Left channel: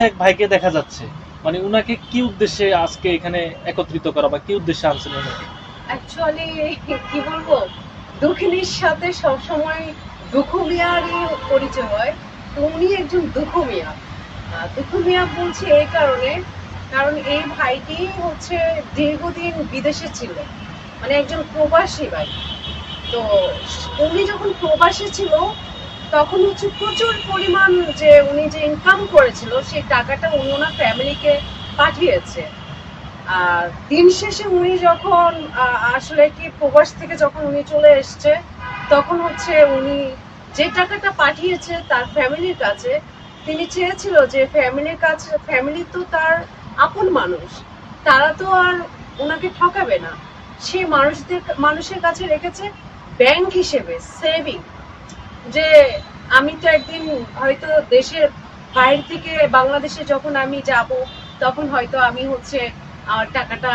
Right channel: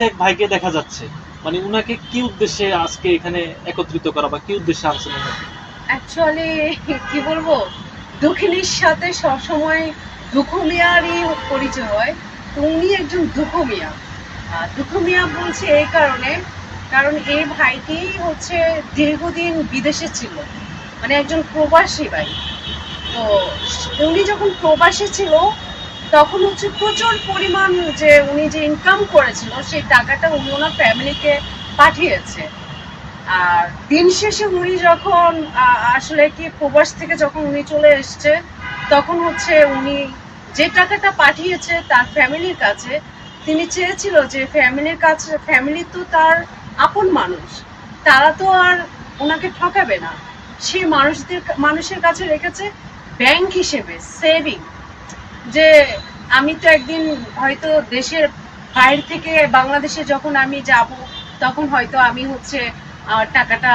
এক ভাইকে দেখা যাচ্ছে। মানে উনাকে কি উদ্দেশ্যে আজকে এখানে একত্রিত করা বা কি উদ্দেশ্যে আনছেন অ্যাকচুয়ালি কি বলব? দক্ষিণীর সাথে সবসময় দুঃখ মিয়ারই পরিচয় হয়। তো উনি একজন দুঃখ মিয়া আহ, দুঃখ মিয়া বলছি এই কারণে কারণ এই ভাইটি হচ্ছে দীর্ঘদিন বিদেশে ছিল। মানে একজন প্রবাসী ভাই। তো উনি যখন প্রবাসী ছিল তখন হচ্ছে প্রচুর পরিমাণ যে উনি যে ইনকাম করেছিল, সেই টাকাটা উনি ওনার ফ্যামিলিকে পাঠিয়েছে। আর দিন শেষে উনি যখন আসলে কি প্রবাস থেকে যখন উনি চলে এসছে, তখন হচ্ছে উনি যে টাকাটা পাঠিয়েছে তার ফ্যামিলির কাছে, তিনি চেয়েছিল যে ফ্যামিলির কাছে ফ্যামিলি তো তার আপন মানুষ, তারা তো আর ওনাকে ঠকাবে না। সে মানুষদের, মানুষের কাছে রেখেছে ব্যাংক হিসেবে সেভিং যে আমি তো একদিন হয়তো দেশের বাইরে থেকে বাংলাদেশে যখন আমি যাব, তখন হয়তো আমি হচ্ছে টাকাটা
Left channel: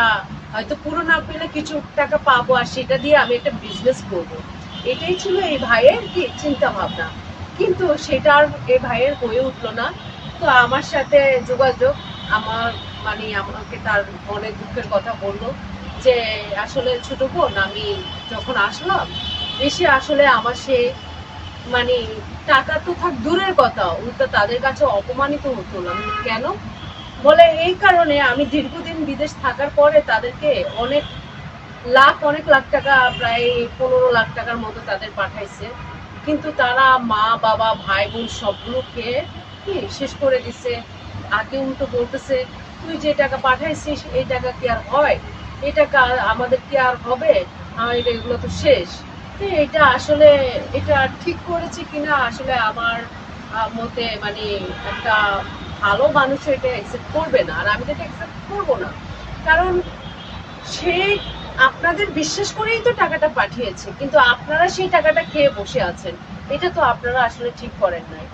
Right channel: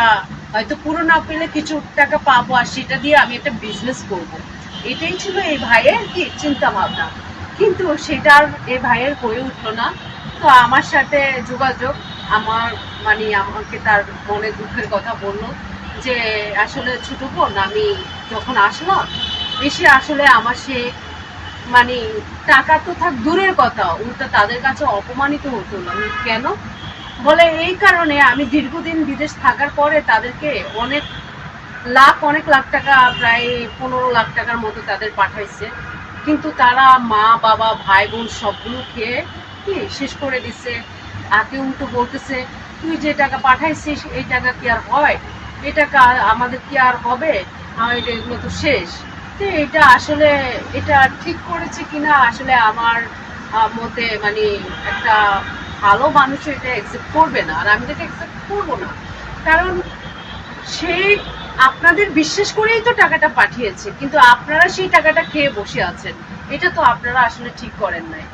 হয়তো পুরো না পেলে কিছু টাকা পাবো আর সেটা দিয়ে আমি একটা বিজনেস করব। এটাই ছিল এই ভাইয়ের কি চিন্তা ভাবনা কিন্তু সেটা আর এই ভাইয়ের হয়ে উঠল না তো আমার সাথে যোগাযোগ, আমার মানে আমাকে তার মনে দুঃখের কথা বলল যে, আসলে ছোট বোন, আমি যখন আসলাম, এসে আসলে আমার সে মানে টাকা তো থাক, দূরের কথা। উল্টা তাদের কাছে অপমানিত হতো আমি কেন? বলে, এই কারণে আমি দীর্ঘদিন বিদেশ থাকার পরে তাদেরকে অনেক লাখ অনেক লাখ টাকা, প্রায় পনেরো লাখ টাকার মতো তাদের পাঠাইছে। কিন্তু তারা মা, বাবা, ভাই, বোন সবগুলো খেয়ে শেষ করে দিছে। আগে উল্টো বলতেছে, তুই যে টাকা পাঠাইছিস, এই টাকা কি আর হয়? এই টাকা আমাদের কি আর হবে? আমার এগুলো তো শেষ। তো এটা আসলে, এটা ঠিক করেছে কিনা আসলে আমার মধ্যে মানে একটা ভালো মানুষ এটা অ্যাকসেপ্ট করবে না। আর আমি এটা অ্যাকসেপ্ট করব না, কারণ সে আপনাদের বিশ্বাস করেই তো টাকাটা পাঠিয়েছে, কিন্তু আপনারা সেই টাকাটা খেয়ে বসে আছেন। এটা তো আপনারা আসলে ঠিক করেন নাই।